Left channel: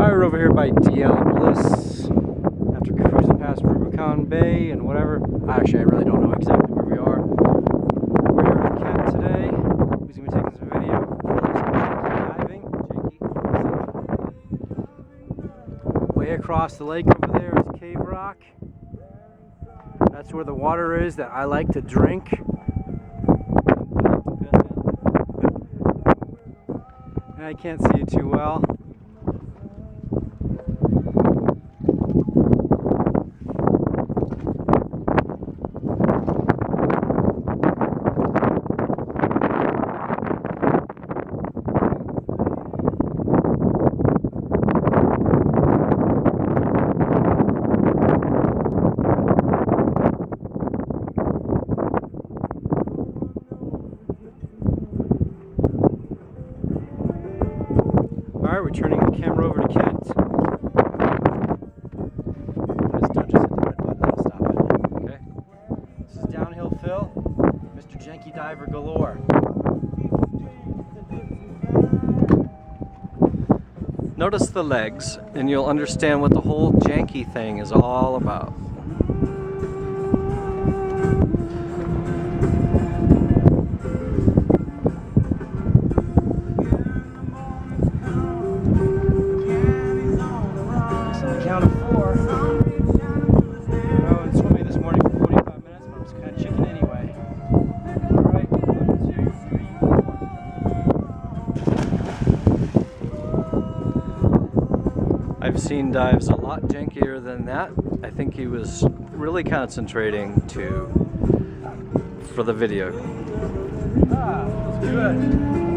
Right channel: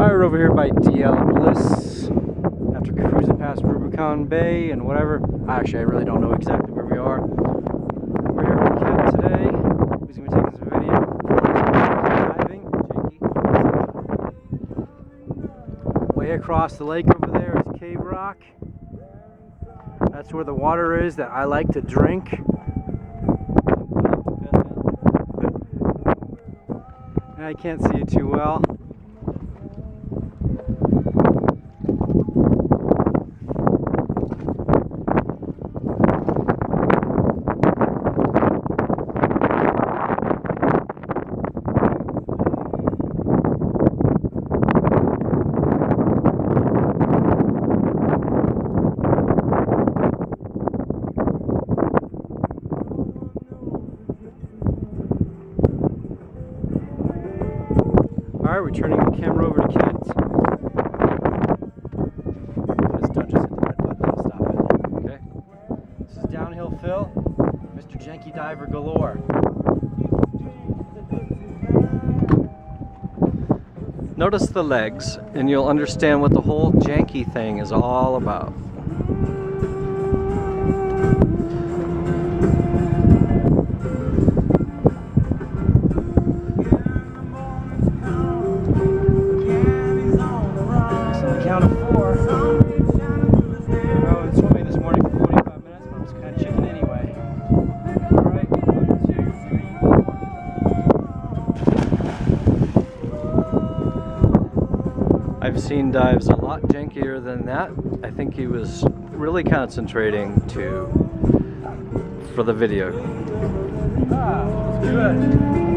Alright, we're over here by DL Bliss after cruising past Rubicon Bay and whatever. Actually, I really don't know exactly where we are. We're here with Kent today. He's going to be taking some video of Phillips diving. Janky. So, way across the lake over there is Cave Rock. That's where the water is that I like to drink. And I can't see it too well. Alright, we're turning the camera over to Kent. When it's done, just hit the red button and stop it. Okay? This is Downhill Phil, Mr. Janky Diver galore. Notice the legs, and you'll understand what the whole janky thing is all about. Count of 4. I was swimming this morning for 45 minutes, but I'm just kind of chicken anyway. Alright, 1, 2, 3, 4. I've seen dives a lot jankier than that. I think he was really concentrating for the video. Ah, that's good.